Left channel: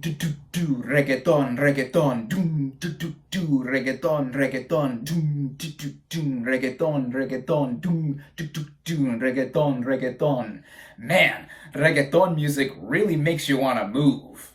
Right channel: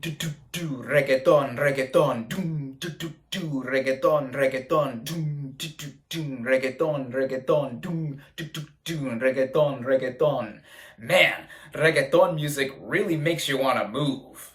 do do do reggaeton reggaeton do do do do reggaeton reggaeton do do do do reggaeton reggaeton do do do do reggaeton reggaeton. Man, reggaeton music really makes you want to move.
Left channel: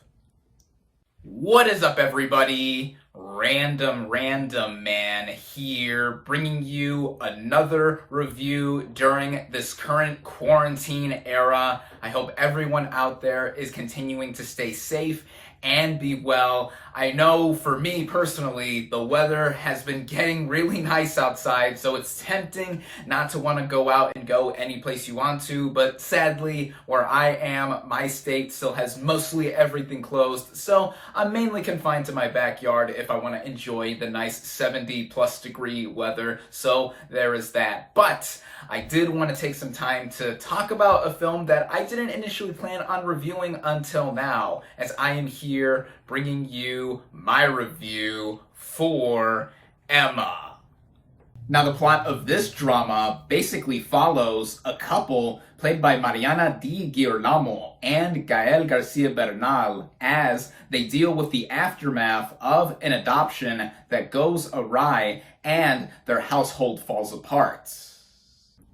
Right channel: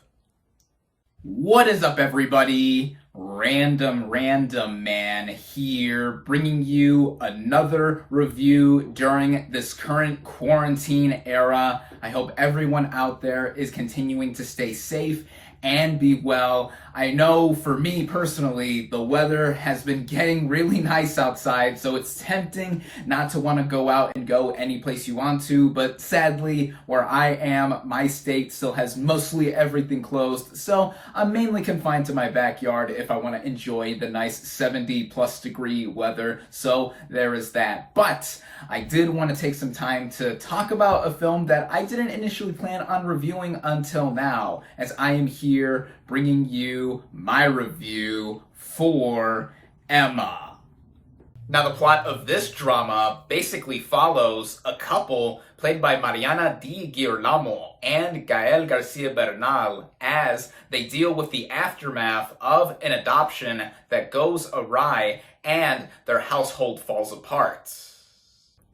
What is up, everybody? Random Man here, bringing you another review during this current quarantine era. I hope everyone out there is continuing to stay safe and be well. I know for me personally, the weather has been getting really nice outside, so it's tempting not to want to go out and go any place you want to, but sadly, where I am, my state still has mostly everything closed, so I'm mainly confined to my backyard if I want to enjoy the nice 70+ degree weather, so there is that. But I did want to take some time to talk about a film that I didn't initially plan on reviewing until now, as I am here bringing you my review for Ema. Now, the plot of this drama basically follows a couple played by Mariana Di Girolamo and Gael Garcia Bernal as they deal with the aftermath of an adoption that goes awry and their household falls apart.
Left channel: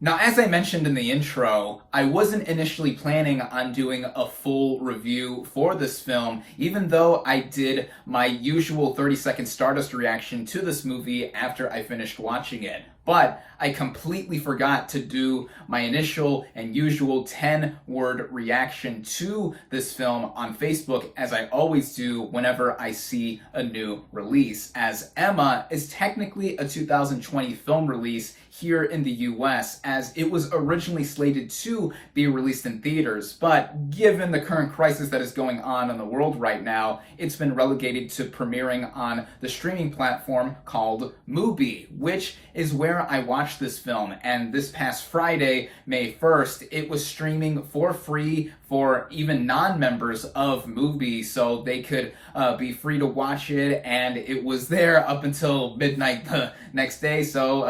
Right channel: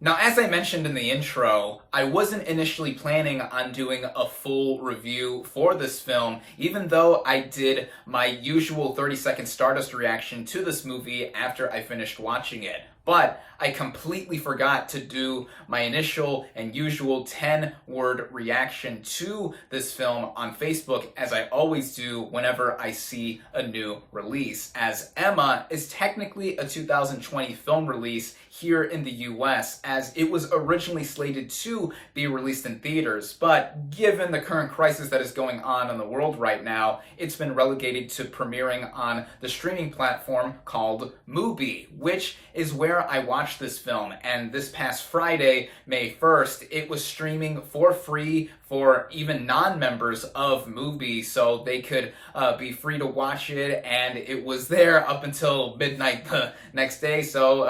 Now, as I mentioned in the intro, I wasn't initially planning on doing a full review for this film, even though I did my usual 30-second Stardust reaction to this movie after I finished watching it. But I completely forgot to do my initial and usual 10-word reaction to this film on Facebook, as I always do whenever I see a new release, as Ema is technically a 2020 film release here in the US, as it was originally slated to be released in theaters, but given the current crisis that is going on in the world right now, it's been relegated to premiering on the streaming platform called Movie, which is where I watched this film. And this past Friday, May 1st, it was streaming for free for even non-members of Movie, so they could be free to watch it, and it was there up until midnight the next day. So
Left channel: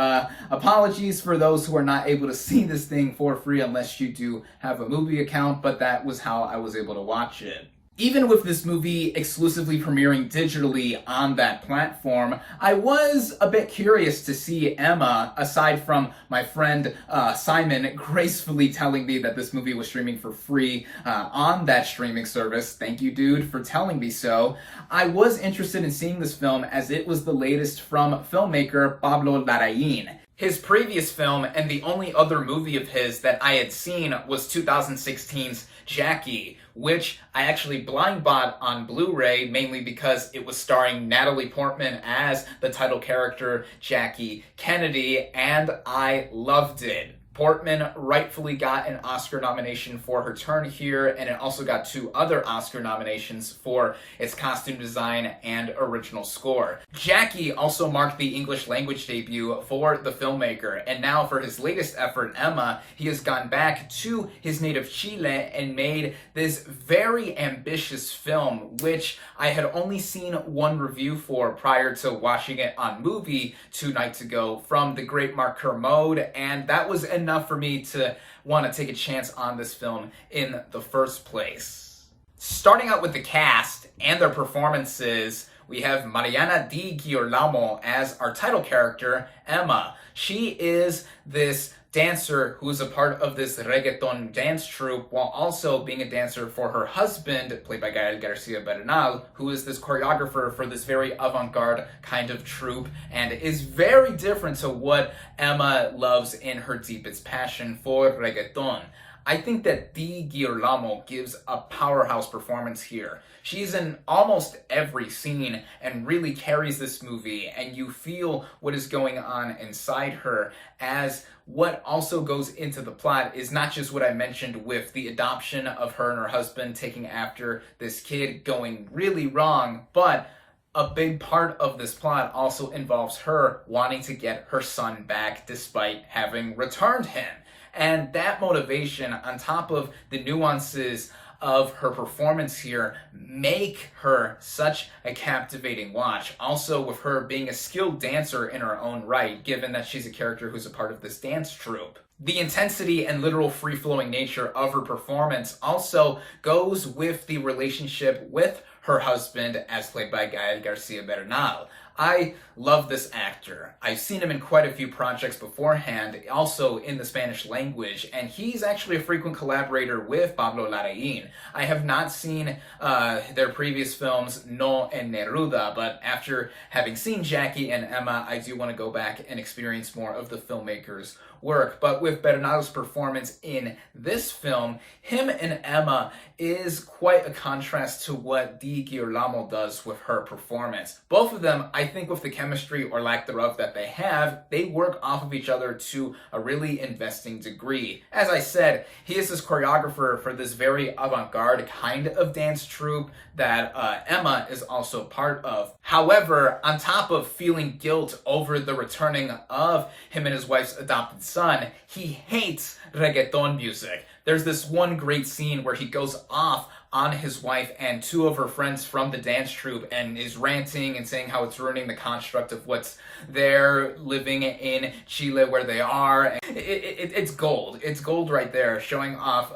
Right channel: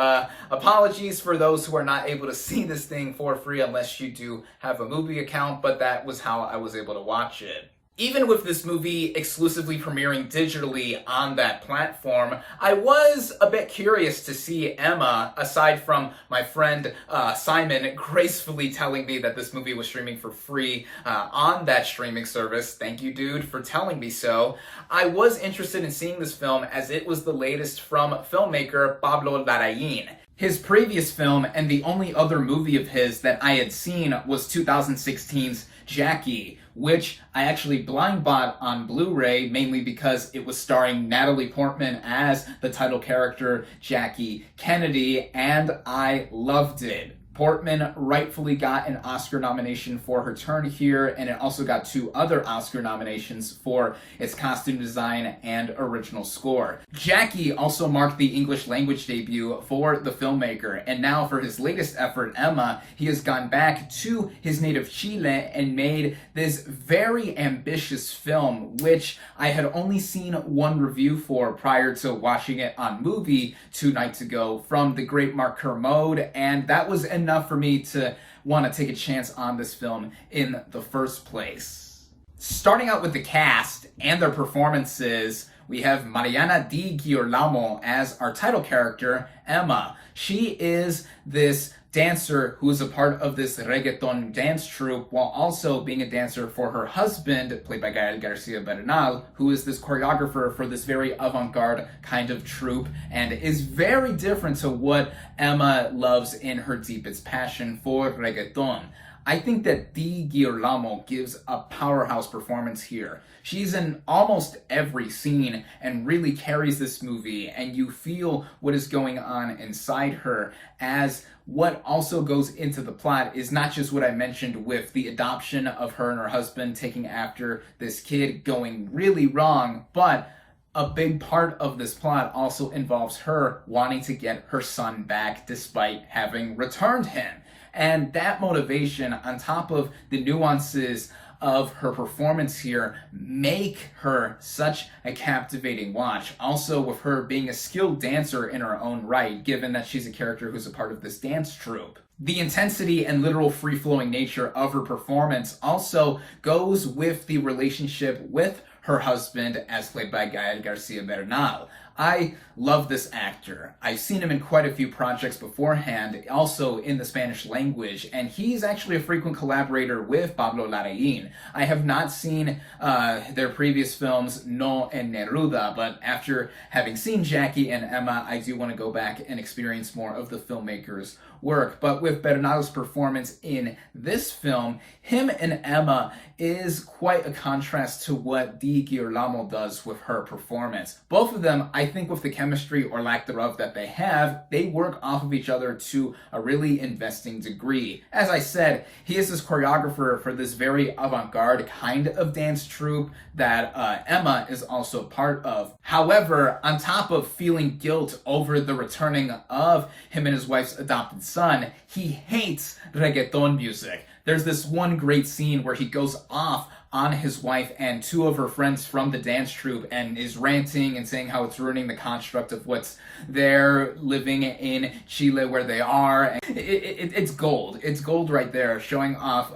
apologies for those who are not able to see this thing for free unless you do have a Movie account, but that was how I was able to watch it. Even with this movie exclusively premiering digitally on that platform, I was a bit curious to see Ema, aside from my friend Simon gracefully telling me that this movie was streaming for free on that streaming service. Thank you, dude, for telling me so. I was interested in seeing this film as it was the latest from filmmaker Pablo Larraín. His previous film, and the only other movie of his that I had seen, was 2016's Jackie, which I actually blind bought on Blu-ray, mainly because it was starring Natalie Portman as the title character, Jackie Kennedy, and I loved it. Portman rightfully got an Oscar nomination for her turn here, and it also got 2 other Oscar nominations for its costume design and original score. Jackie also marked the English language debut for the filmmaker, and now for his latest effort, Ema, he has gone back to his native Chile and made this very ambitious film, which I had only seen one review for prior to watching it on Movie 2 nights ago from the great Mark Kermode, and that was enough for me to want to take a chance on this film in the first place. Starting out with the cast and their performances, we have Mariana Di Girolamo as our title character, Ema. She is this dancer who is a part of this reggaeton dance troupe, while also being a dancer for her husband, played by Gael Garcia Bernal, who is this choreographer for this very avant-garde kind of troupe, and is very different to what Ema loves in her deepest passion for reggaeton. I think that Di Girolamo gives a powerhouse performance here. She's in almost every scene and really carries this movie, and you feel what is going on inside her, as what also goes into the plot is not just what I mentioned with the adoption of her and her husband taking after this kid going really wrong, but a big part of this plot also involves her wanting to get her son back despite having returned him. And that motivation, on top of the nuances of her performance here, make her such a captivating watch. Also, with her being a skilled dancer in her own right, given that she's a character who's a part of this dance troupe. The intensity and literal free-flowing nature of her performance also goes with the relationship with her husband, as played by Gael Garcia Bernal. I love this actor. I've seen him in quite a few projects beforehand, also in the Spanish language, and he's actually a frequent collaborator with Pablo Larraín. I have not seen their previous films, No en Neruda, but after having seen Jackie and Emma, I do want to go back and experience more of the filmmaker's work. But with Bernal's performance in this film, him and Emma is quite a contrast to what Di Girolamo does with her performance. Both of them, I think with the chemistry or lack thereof that they have, they work off of each other to a really investing degree. As I said, he is this choreographer for this very avant-garde kind of dance troupe that Emma is also part of. However, on top of feeling guilt over the returning of him and his wife's adopted son, he hates reggaeton music. There's this one great scene where he goes off on his wife and two of her friends from the dance troupe and is ranting and saying how it's ruining the construct of what's there living in Chile where they are. It's gold. It's gold right there, showing off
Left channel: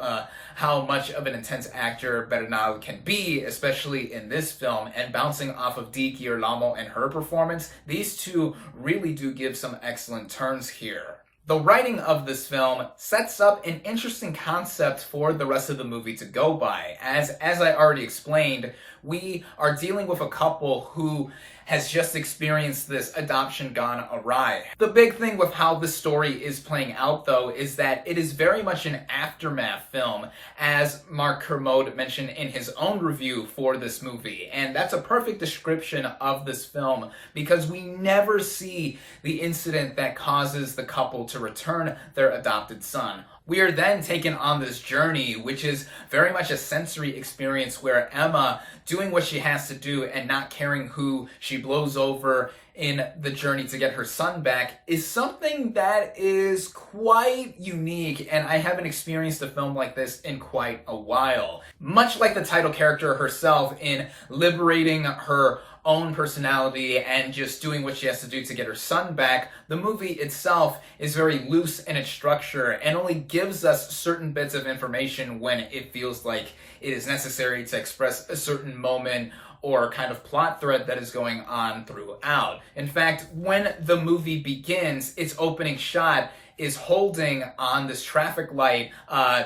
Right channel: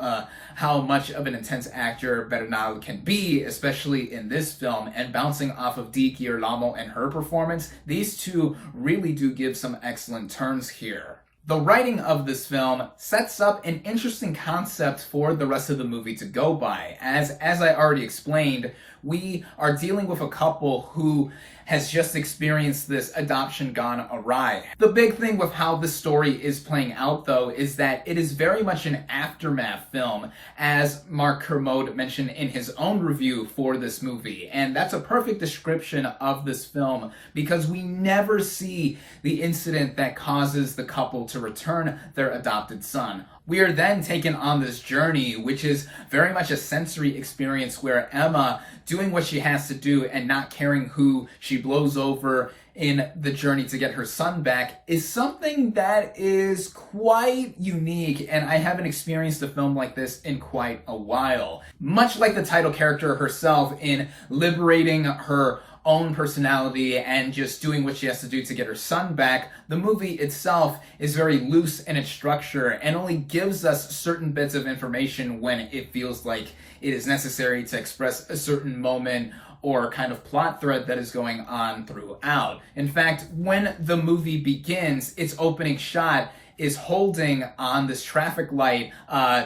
how much of an intense actor Bernal can be, especially in this film, and bouncing off of Di Girolamo and her performance. These two really do give some excellent turns here. The writing of this film sets up an interesting concept for the rest of the movie to go by. As I already explained, we are dealing with a couple who has just experienced this adoption gone awry. The big thing with how the story is playing out, though, is that it is very much an aftermath film, as Mark Kermode mentioned in his own review for this movie. And that's a perfect description of this film, because we never see the incident that causes the couple to return their adopted son. We are then taken on this journey, which is very much a sensory experience where Emma, doing what she has to do and not caring who she blows over in the journey to get her son back, is something that is quite unique, and I haven't experienced a film like this in quite a while. Much like the title character herself in liberating her own personality and just doing what she has to do to get her son back, the movie itself is very loose in its structure and only gives us certain bits of information when it feels like it is necessary to express a certain moment or kind of plot thread that is going on throughout. In fact, when the movie begins, its opening shot is holding on this traffic light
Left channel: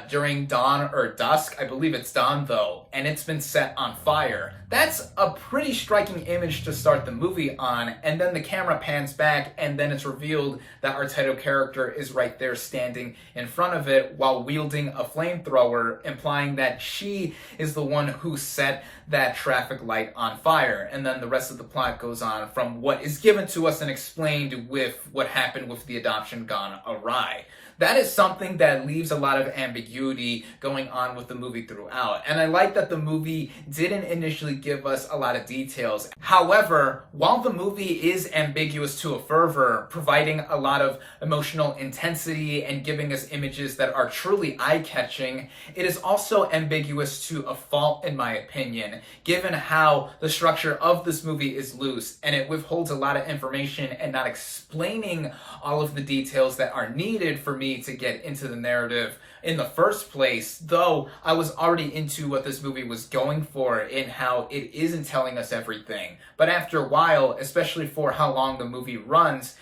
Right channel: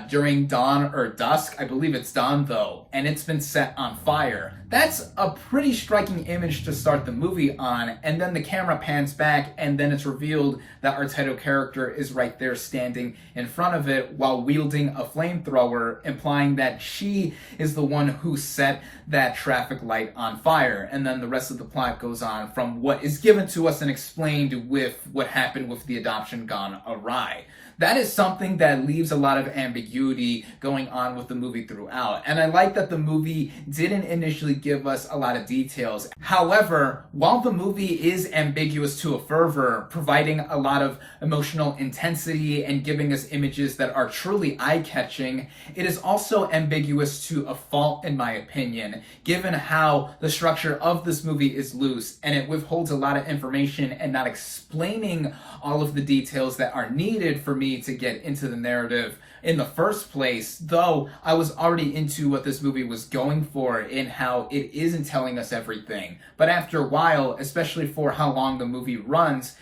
during dawn or dusk. I believe it's dawn though, and it's been set on fire. That's a pretty striking image to start the movie on, and then the camera pans back and then it's revealed that our title character is right there standing in front of it while wielding a flamethrower, implying that she is the one who set that traffic light on fire. And then the rest of the plot goes on from what is given to us and explained with what happened with the adoption gone awry. That is something that leaves a lot of ambiguity going on with the movie throughout. And I like that the movie didn't initially give us a lot of details. However, while the movie is ambiguous to a fervor, providing a lot of emotional intensity and giving us images that are truly eye-catching, it is also ambiguous to a fault, in my opinion, given how the structure of this movie is loose and it withholds a lot of information and not explaining all of the details that are needed for me to get into the narrative in the first place, though I was already into what this movie was going for in how it isn't telling us everything. But after a while, especially for how long the movie runs,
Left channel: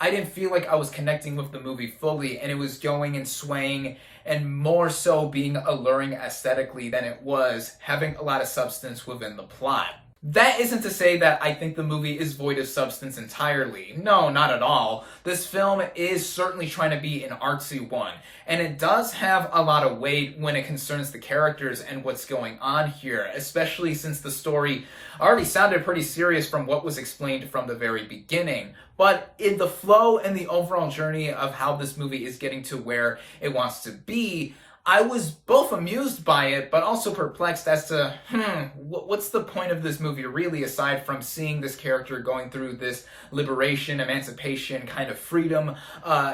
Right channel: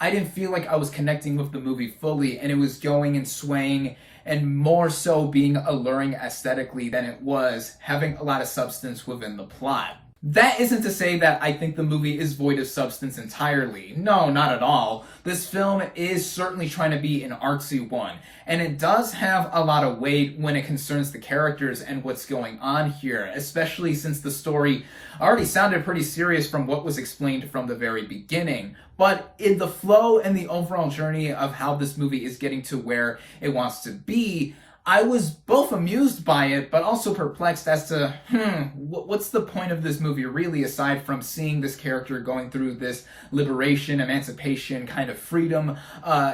I didn't feel like I was connecting with the movie fully, and it was going and swaying and more so being alluring aesthetically than it was having a lot of substance within the plot. That isn't to say that I think the movie is void of substance entirely. No, not at all. This film is certainly trying to be an artsy one, and it does have a lot of weight when it concerns the characters and what's going on here, especially since the story already sounded pretty serious from what was explained from the very beginning. But in the flow and the overall journey of how this movie is getting to where it wants to be, I was both amused by it, but also perplexed as to, what's the point of this movie really, aside from seeing this character going through this liberation, emancipation, kind of freedom,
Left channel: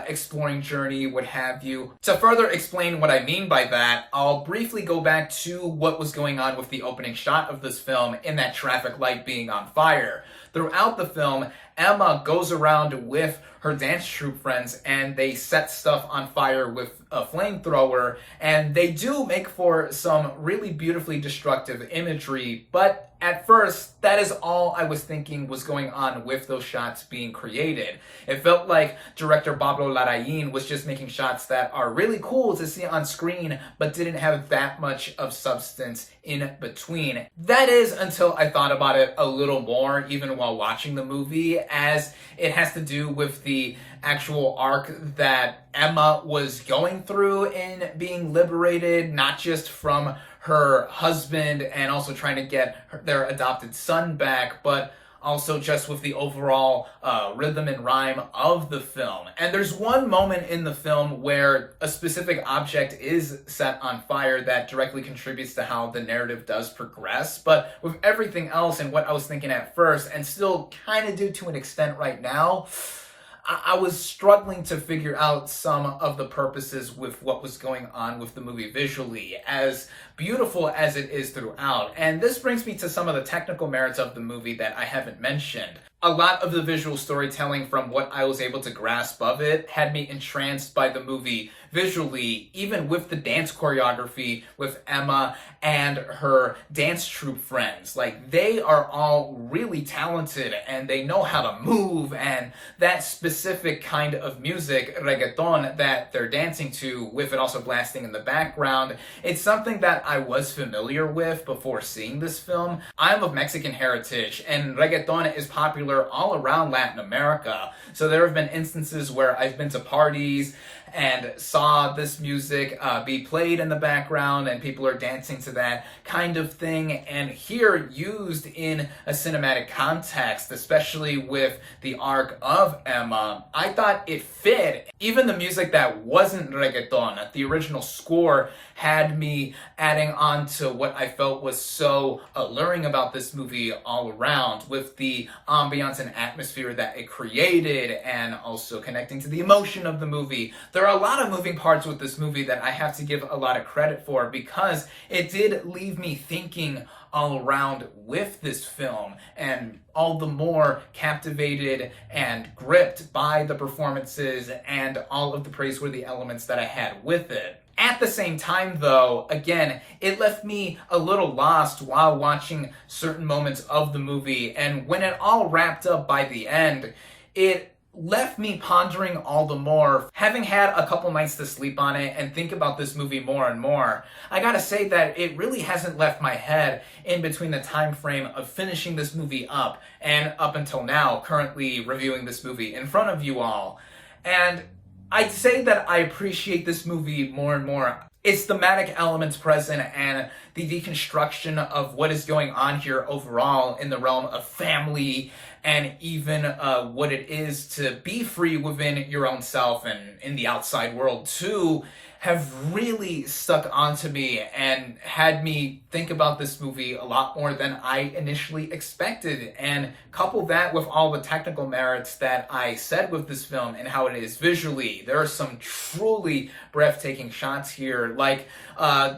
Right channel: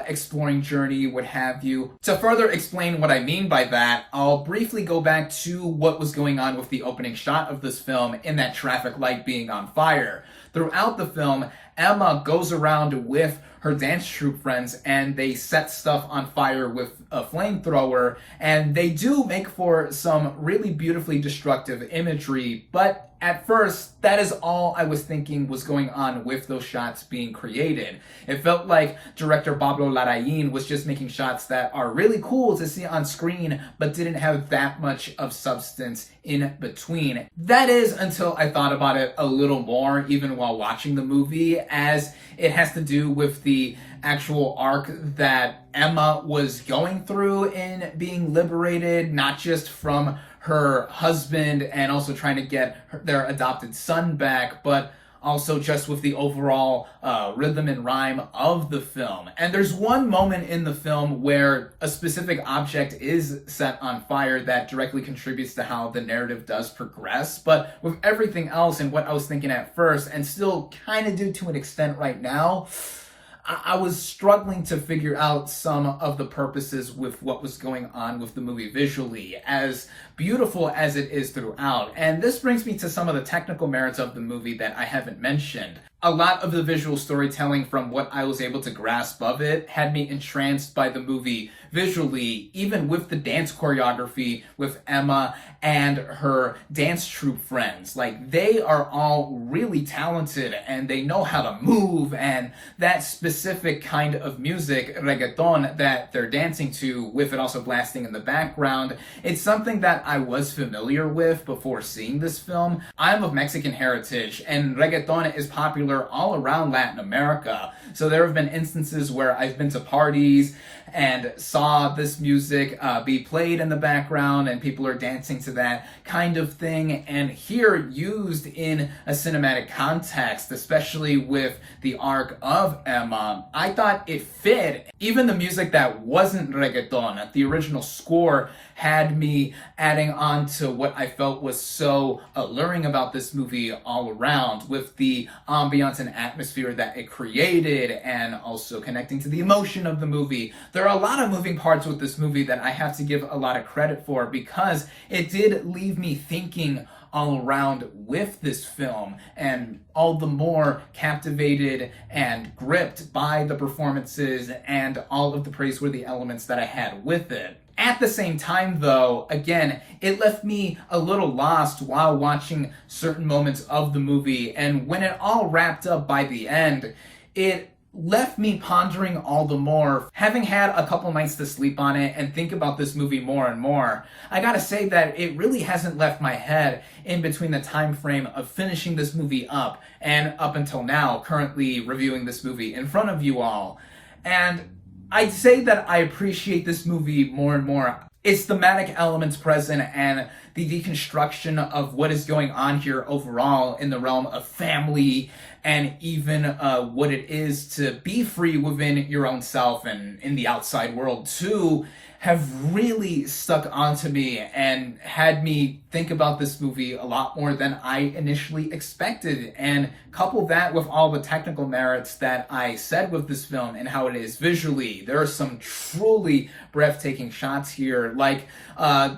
exploring journey, what have you. To further explain what I mean by that, I'll briefly go back to what was going on with the opening shot of this film in that traffic light being on fire. Throughout the film, Ema goes around with her dance troupe friends and they set stuff on fire with a flamethrower, and they do make for some really beautifully destructive imagery, but at first, that is all I was thinking was going on with those shots being created. It felt like director Pablo Larraín was just making shots that are really cool to see on screen, but didn't have that much of substance in between. That is until I thought about it a little more, even while watching the movie, as it has to do with the actual arc that Ema was going through in being liberated, not just from her husband and also trying to get their adopted son back, but also just with the overall rhythm and rhyme of the film. And there's one moment in the film where a specific object is set on fire that directly contributes to how the narrative does progress. But with everything else and what I was thinking at first, and still kind of do to an extent right now, I was struggling to figure out some of the purposes with what was going on with the movie visually, as beautiful as it is throughout. And this brings me to some of the technical merits of the movie that I haven't mentioned. A lot of the visual storytelling, from what I was able to grasp of it, had me entranced by the movie visually, even with the dance choreography with Ema and her dance troupe friends. Like, they are all really talented and they know how to move, and that specific kind of music, reggaeton, that they're dancing to, with it also blasting in the background, it's something that I was familiar with before seeing this film. I'm of Mexican heritage, and reggaeton is popular all around Latin America. So there have been instances where I've been to parties and saw this music be played in the background and people are dancing to that kind of thing. And here, used in a cinematic context, especially with the arc of Ema, I thought it fit. Even the music that wasn't reggaeton, the original score, had me adding on to what I felt was so alluring about this movie all around, with the ambiance and atmosphere that it created, and also connecting to the emotion of the movie. There are a lot of moving parts with this movie that I have to give a lot of credit for, because it did leave me thinking all around with this film, and all the more captivated and gripped by the performances and all of the praiseworthy elements that I had with it. At the same time, though, again, it left me a little lost while watching certain moments of the movie, and when it all wrapped up by the end, it left me pondering all the more. Having had a couple nights to sleep on it and think about this movie more and more, I gotta say that it really hasn't left my head in between the time frame of finishing this movie up and up until now, currently reviewing this movie in front of you all. And I'd say that I appreciate this movie more and more. Its thematic elements present and the deconstruction of what is going on here overall in the realm of family, and even what it is to be free within your own self and in the outside world too, have really stuck onto me and had me think about this movie a lot more than I initially expected. And couple that with all the technical merits that I said with this film and how it is visually. There are some truly breathtaking shots here, like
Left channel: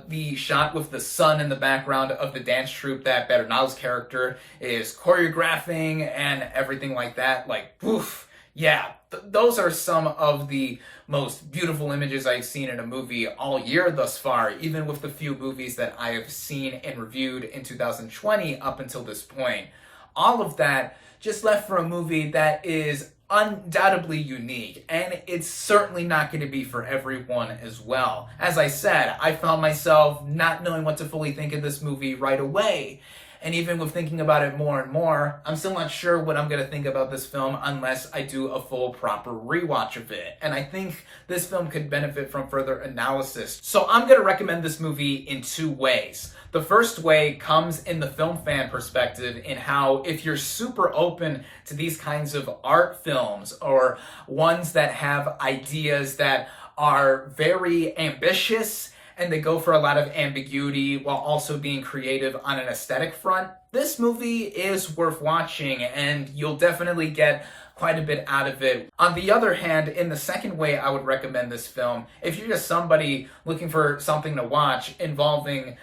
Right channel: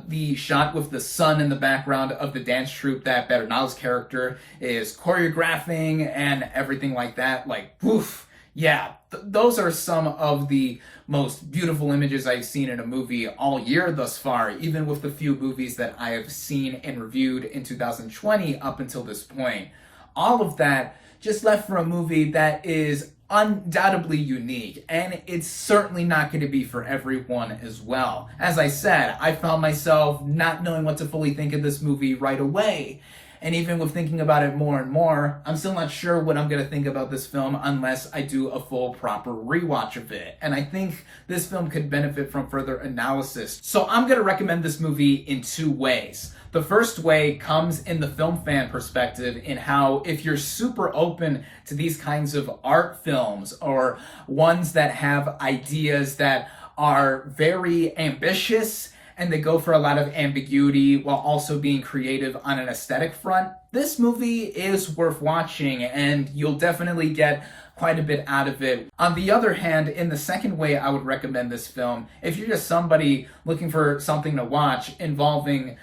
the shot with the sun in the background of the dance troupe that Bernal's character is choreographing and everything like that. Like, woof, yeah, those are some of the most beautiful images I've seen in a movie all year thus far, even with the few movies that I have seen and reviewed in 2020 up until this point. All of that just left for a movie that is undoubtedly unique, and it's certainly not going to be for everyone as well. As I said, I found myself not knowing what to fully think of this movie right away. And even with thinking about it more and more, I'm still not sure what I'm going to think about this film unless I do a full, proper rewatch of it. And I think this film could benefit from further analysis. So I'm going to recommend this movie in two ways. The first way comes in the film fan perspective, in how if you're super open to these kinds of art films, or ones that have ideas that are very ambitious and they go for a lot of ambiguity while also being creative on an aesthetic front, this movie is worth watching and you'll definitely get quite a bit out of it. On the other hand, in the second way I would recommend this film, if you're just somebody looking for something to watch involving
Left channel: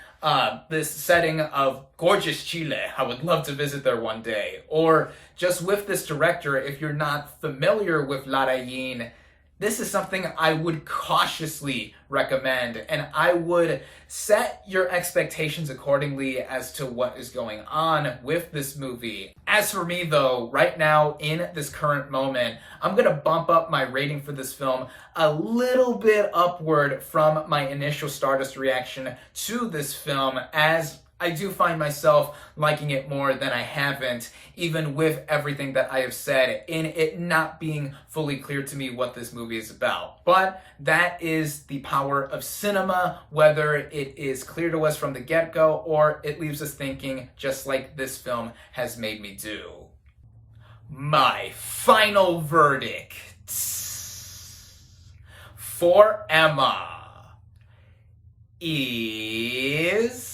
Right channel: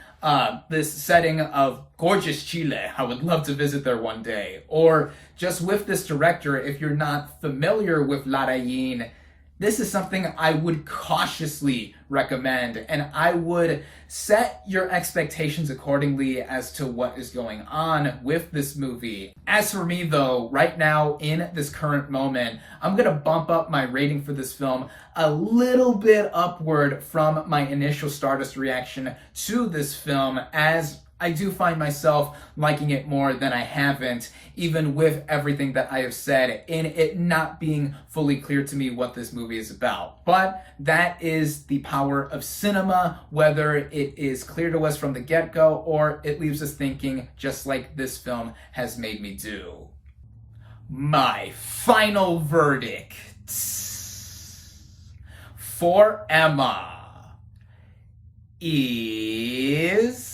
this setting of gorgeous Chile. I would love to visit there one day. Or just with this director, if you're not familiar with Larraín, this is something I would cautiously recommend, and I would set your expectations accordingly as to what is going on with this movie. As for me though, right now in this current moment, I'm gonna bump up my rating for this film a little bit upward from my initial Stardust reaction to this film, as I do find myself liking it more than I haven't, even with everything that I have said, and it not being fully clear to me what this movie is about. But that is the power of cinema, whether it is clear to us from the get-go or it leaves us thinking, just like this film has made me do. My final verdict for Ema is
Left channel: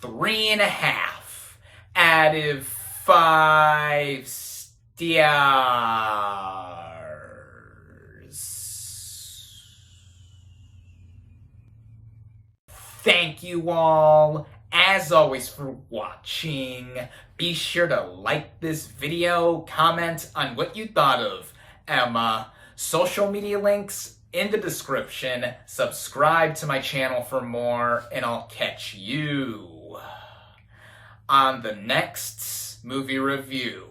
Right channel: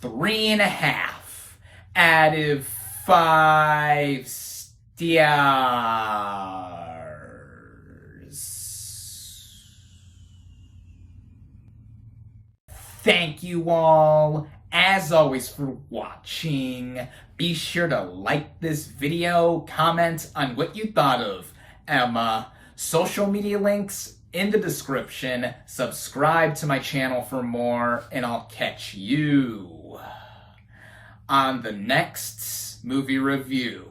3.5 out of 5 stars. Thank you all, as always, for watching. Be sure to like this video, comment on what you thought of Ema. Social media links in the description. Subscribe to my channel for more, and I'll catch you on the next movie review.